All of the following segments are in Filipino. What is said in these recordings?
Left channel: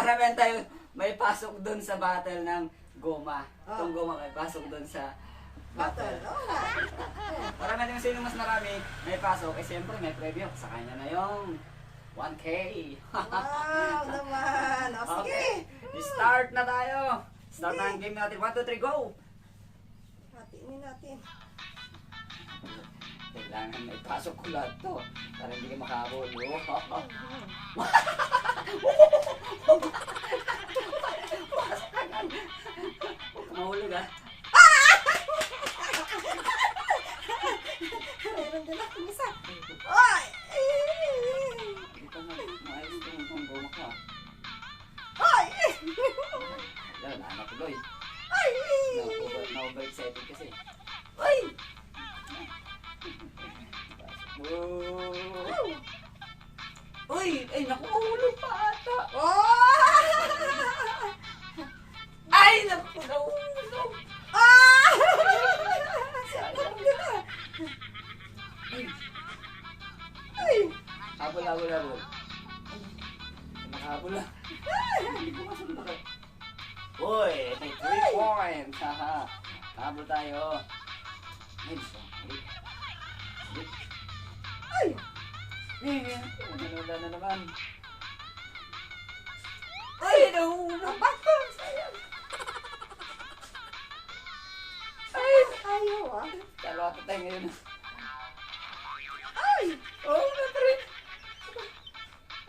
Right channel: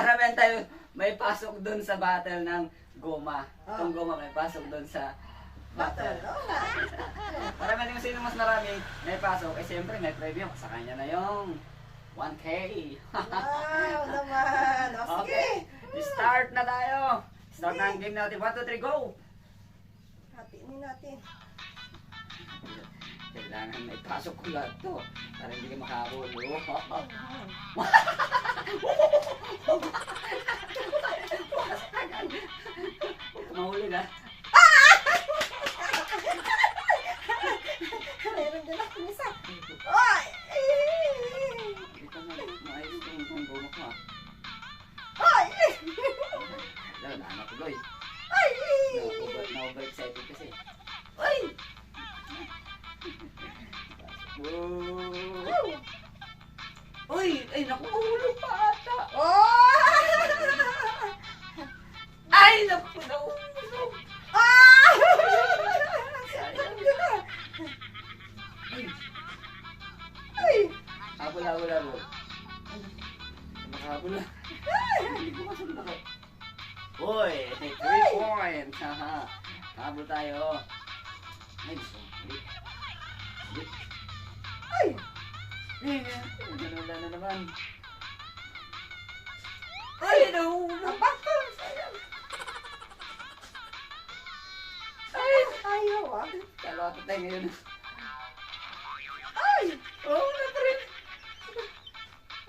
para meron tayo may pasok doon sa battle ng goma. Itong goma may pasok doon sa battle. Para meron yung sino mas marami may pasok, eh siyempre may premyo. Sa kanya na yung 1K. Wow naman. O sige. Okay, start na tayo. Start na ang game natin. 1, 2, 3, go! Hatiin natin. Kailangan may pasok ko lahat to. Para hindi ka makahabol. Mahulog ah. Mayroon din ako isa. Oy! Ito na, maayos itong goma ka. Oy! Alam, naanak ko Loy. Ay! Na-overexcited kasi. Oy! Uy! Ay, naku, mahulog pa ata. Oh! Ay, naku, nahulog. Ah! Sayang nila. Ay, Ay! habol, habol, habol. Nakahabol na. Hindi ko masunod. Uy, may 3 points. Haha. Habol tayo. Ay, sorry. Ay! Wala na naman. Ay! Nahulog pa. Sayang. Ay! Ayaw ah. Kalapit tayo ngayon. Ay! Oh, natrin.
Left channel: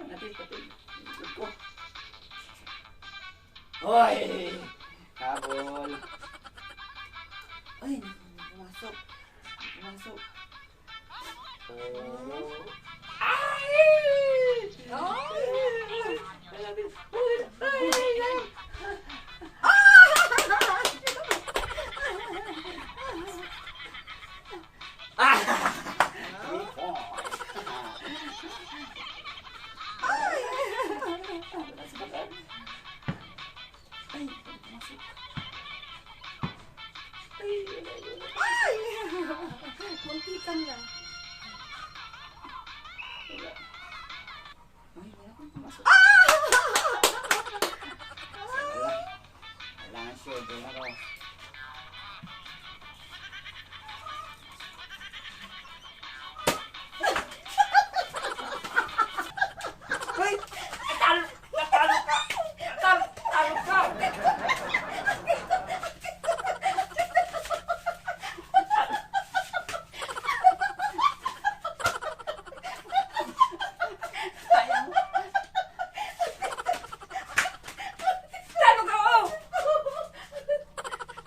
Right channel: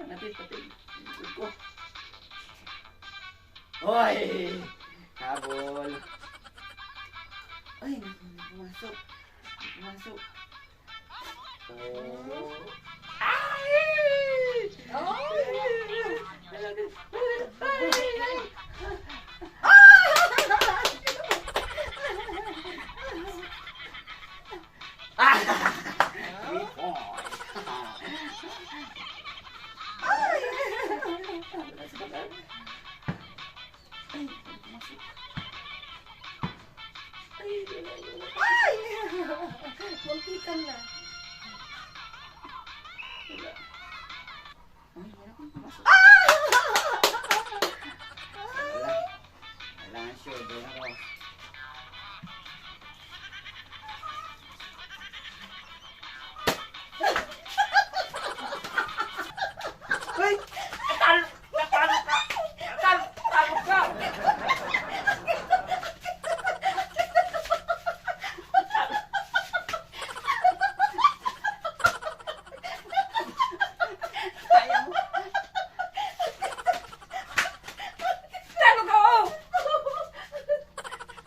Natin, patin. Ikot ko. Hoy! Habol. Ay, pumasok. Pumasok. Oh. Ay! Ah! 3 points. Ay! Muntikan na. Wala. Ay, meron kong pumasok. Wala. Kailangan siya. Doon ako. Uy! Natalo ka! Natalo ka! Sayang. Talo ka, oh!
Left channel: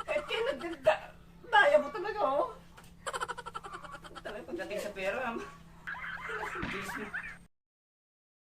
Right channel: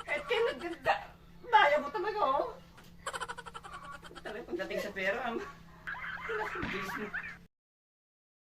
Kahit kayo nagdagda. Daya mo talaga, oh. Talaga pagdating sa pera, Diyos mo.